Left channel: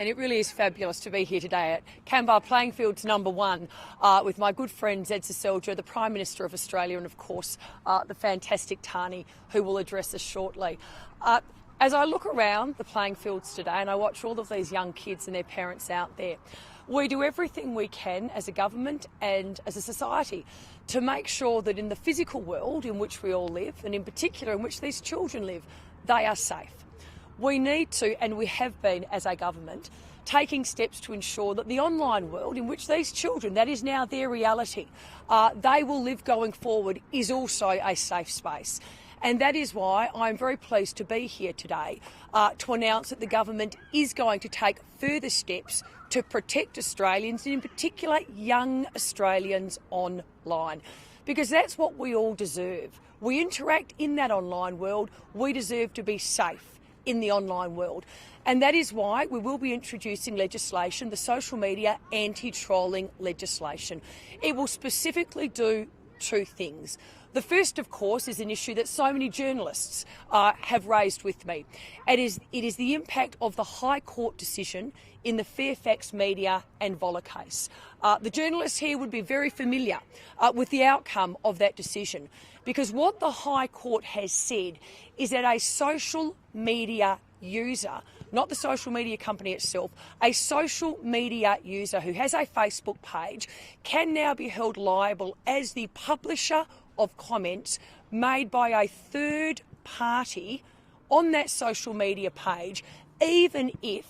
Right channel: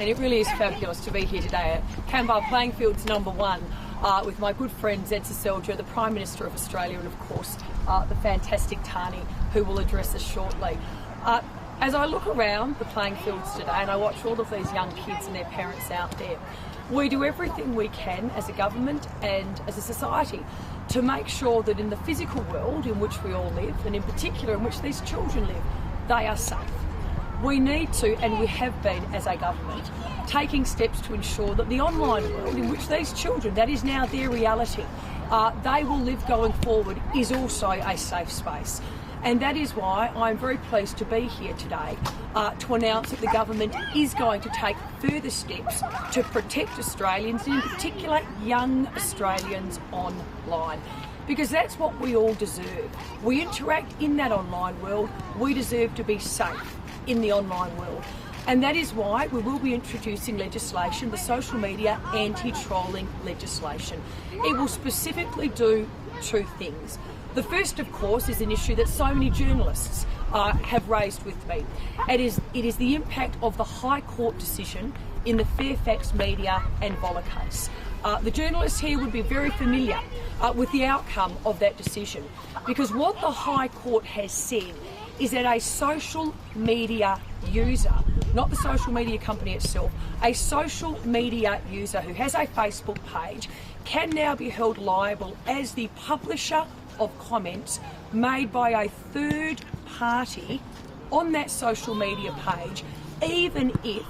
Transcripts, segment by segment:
And it really is fabulous to be here today at Canberra Playing Fields #1 with my good friend Zed Seselja, the Prime Minister of Australia, and of course the fantastic Tani, who will address us shortly. As I look around the playing fields today and I watch all of these young kids and their parents out there, we do everything we can as a government and as a society to make sure that in the physical world in which we all live, and in particular in which these children live, they are safe. We need to, and we have been as a government, taking steps to ensure that the online world in which these children, that is now their reality, they will live going forward, is also a safe space. And that is why I'm very pleased to be here today to announce that the government is going to take further steps to protect Australians, and in particular young Australians online. Because that's what we all deserve. We interact in that online world. We deserve to be safe in the online world. And that is why we will be introducing legislation, the social media anti-trolling legislation. It will specifically do two things. The first, of course, is an issue that so many journalists have raised with me. It is the impact of the High Court decision in the Fairfax media and Vola case. The journalists here would be very familiar with the outcome of that decision, because what the High Court has said is that a social media user, not the social media company itself, a social media user who has a Facebook page can now be held liable as the publisher of comments made by a third party on that social media page, even if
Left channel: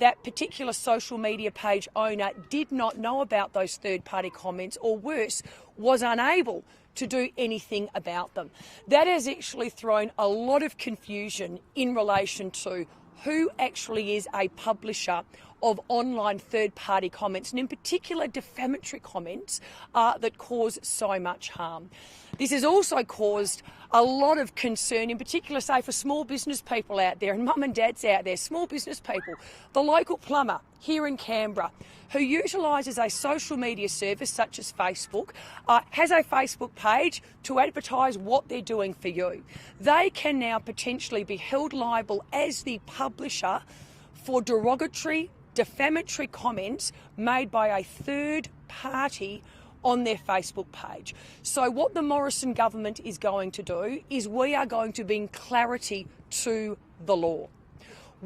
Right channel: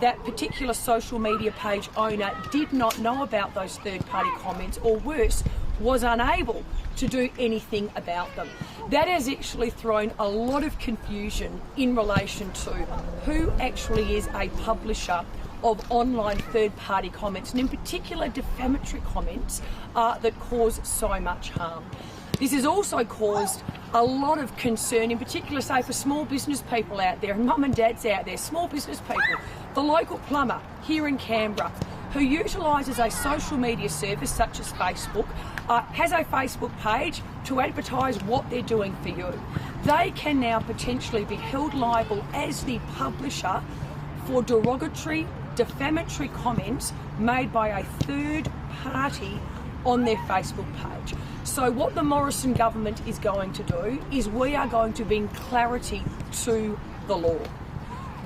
that particular social media page owner did not know about those third party comments, or worse, was unable to do anything about them. That has actually thrown a lot of confusion in relation to who actually is a publisher of online third-party comments, and in particular defamatory comments that cause so much harm. This has also caused a lot of concern, in particular, say, for small business people out there, and mum and dads out there, small business people. The local plumber here in Canberra, who utilises a social media service such as Facebook, has a Facebook page to advertise what they're doing for you. They can now potentially be held liable as the publisher for derogatory, defamatory comments made by a third party on their Facebook page. So what the Morrison government is going to do is we are going to bring clarity to the law.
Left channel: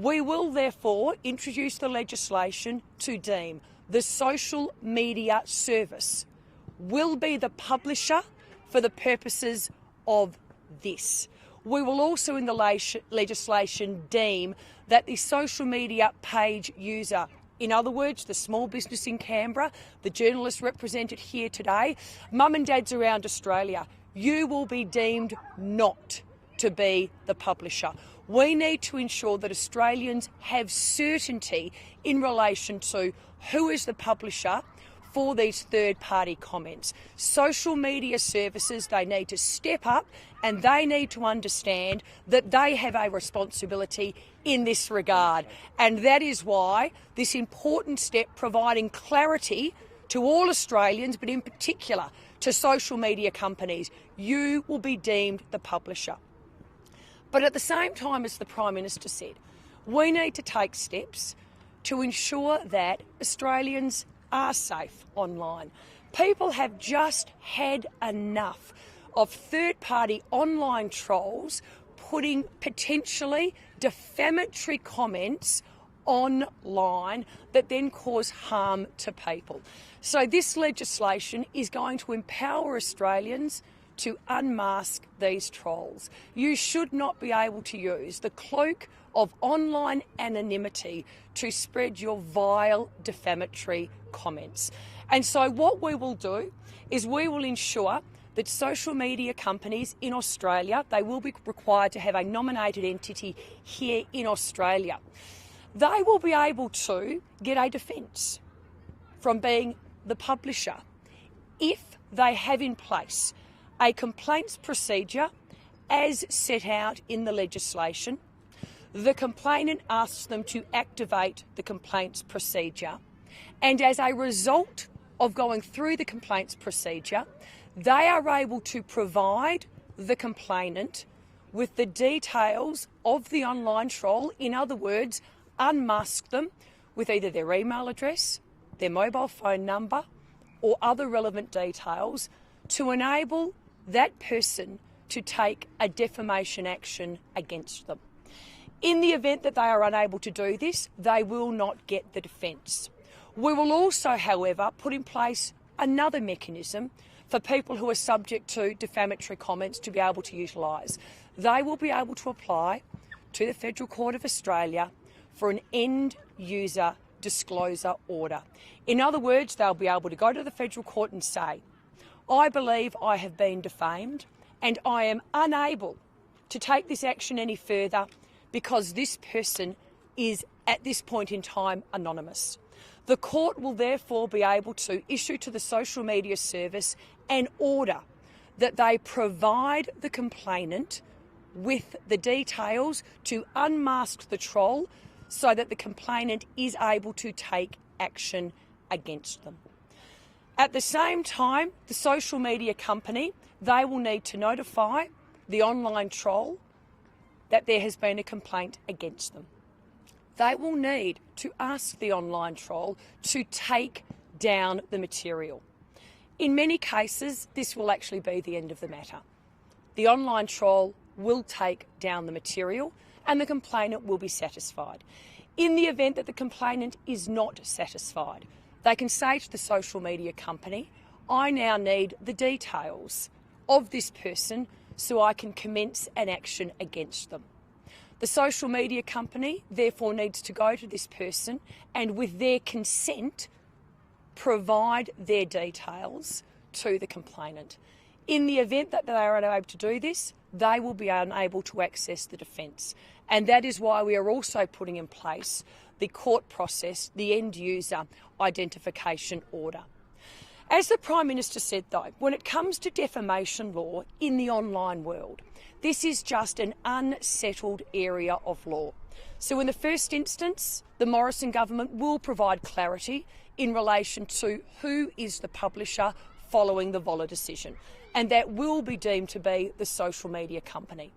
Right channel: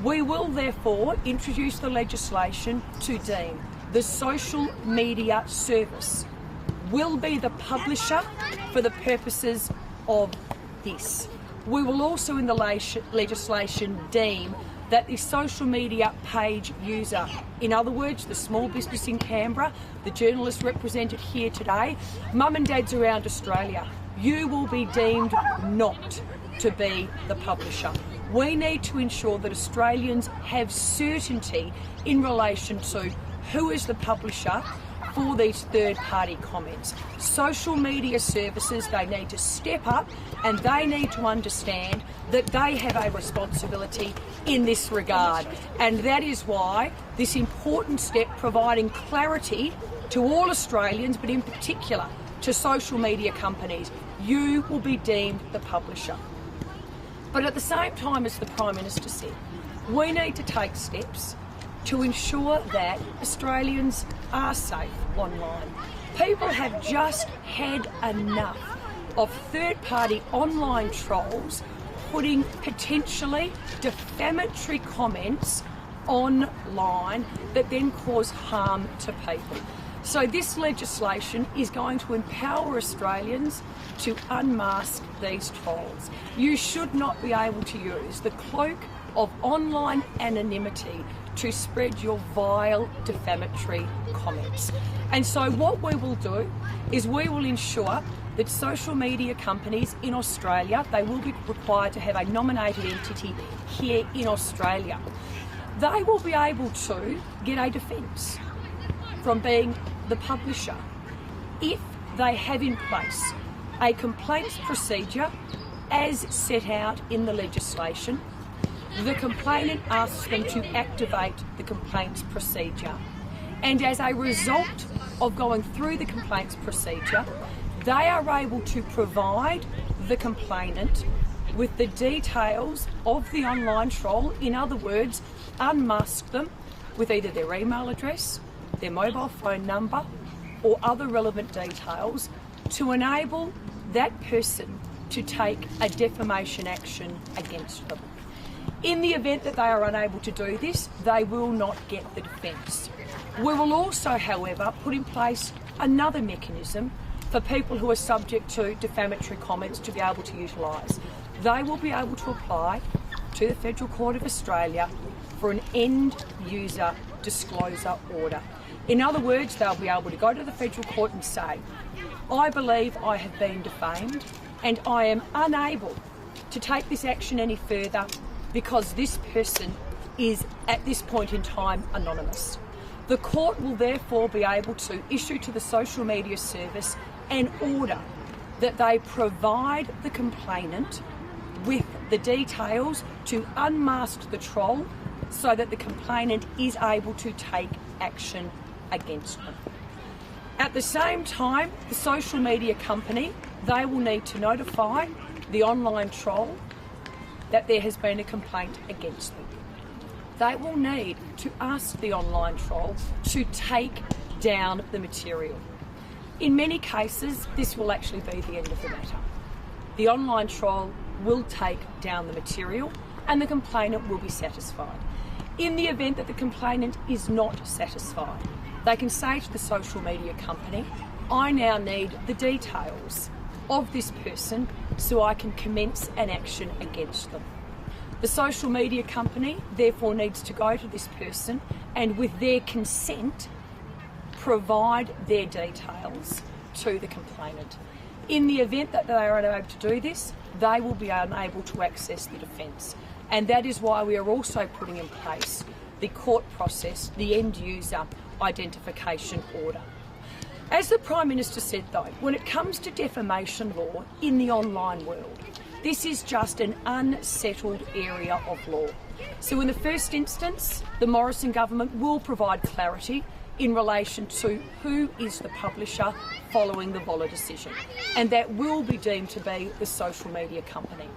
We will therefore introduce the legislation to deem the social media service will be the publisher for the purposes of this. We will also in the legislation deem that the social media page user, in other words, the small business in Canberra, the journalists represented here today, mum and dads around Australia, you will be deemed not to be the publisher. We need to ensure that Australians have certainty in relation to who is the publisher for these third-party comments. Social media services, they need to step up and they need to understand that they have a responsibility in this regard. And that is why this important step providing clarity to all Australians, but in particular to social media companies, you will be deemed the publisher. But at the same time, as the Prime Minister said, we need to take steps to ensure that Australians are safe online. People have just had enough of third-party online trolls putting potentially defamatory comments online that then cause harm to people. So this legislation is going to empower Australians to unmask these trolls. You should not be able to use the cloak of online anonymity to spread your vile defamatory comments. And so what we will do is we will ensure that social media companies in Australia, they will be required to have a nominated entity here in Australia. They will be able to get a defence from being the publisher if they have in place a complaints procedure as set out in the legislation. The complainant asks them to activate the complaints procedure, and as a result of going through the complaints procedure, they are able to provide the complainant with the details of the online troll, in other words, unmask them, with either their email address, their mobile phone number, or other relevant details to enable that person to take a defamation action against them. In the event that they are unable to do this, they will not get the defence. We will also, however, put in place another mechanism for people who are subject to defamatory comments to be able to utilise. They will be able to apply to the Federal Court of Australia for an end user disclosure order. In other words, they'll be able to go to the Federal Court and say, I believe I have been defamed and I am unable to take this action any further because this person is at this point in time anonymous. The court will therefore be able to issue to the social media service an order that they provide the complainant with the details to unmask the troll so that the complainant is able to take action against them. At the same time, the social media company, they will need to notify the online troll that there has been a complaint against them. They will need to ask the online troll to take down the material. In many cases, this will actually be the end of the matter. The online troll will take down the material and the complainant will be satisfied. In the event that the complainant is not satisfied, they can say to the social media company, I now need the details of this person so I can commence an action against them. The social media company therefore needs to go to this person and with their consent provide their details to the complainant. In the event that they are unable to do this, they will be unable to access the defence. And that is why we are also putting in place the court process, the end user identification order. As the Prime Minister said though, when it comes to defamation law in the online world, this is just an unsettled area of law. So in the first instance, the Morrison government will provide clarity in relation to who is the publisher following the Vola decision, and that will be deemed to be the social media company.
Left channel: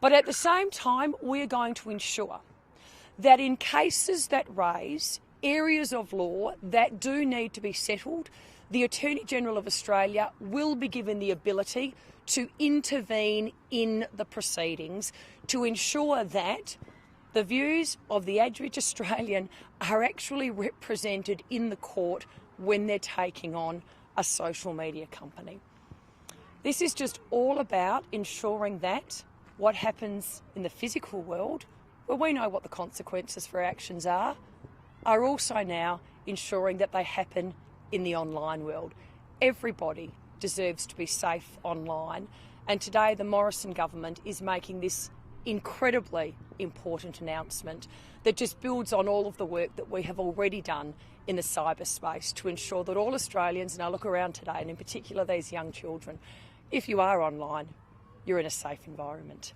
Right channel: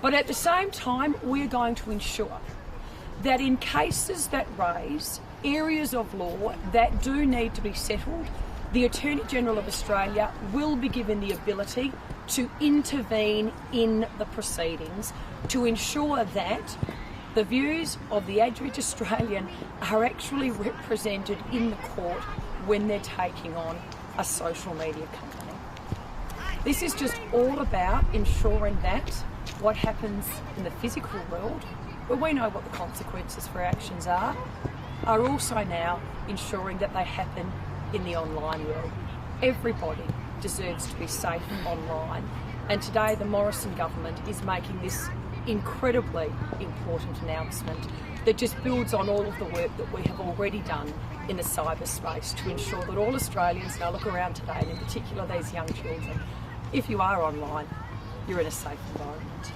But at the same time, we're going to ensure that in cases that raise areas of law that do need to be settled, the Attorney General of Australia will be given the ability to intervene in the proceedings to ensure that the views of the average Australian are actually represented in the court when they're taking on a social media company. This is just all about ensuring that what happens in the physical world, where we know what the consequences for actions are also now ensuring that they happen in the online world. Everybody deserves to be safe online, and today the Morrison government is making this incredibly important announcement that just builds on all of the work that we have already done in the cyberspace to ensure that all Australians now look around today, and in particular these young children, if you are online, you're in a safe environment.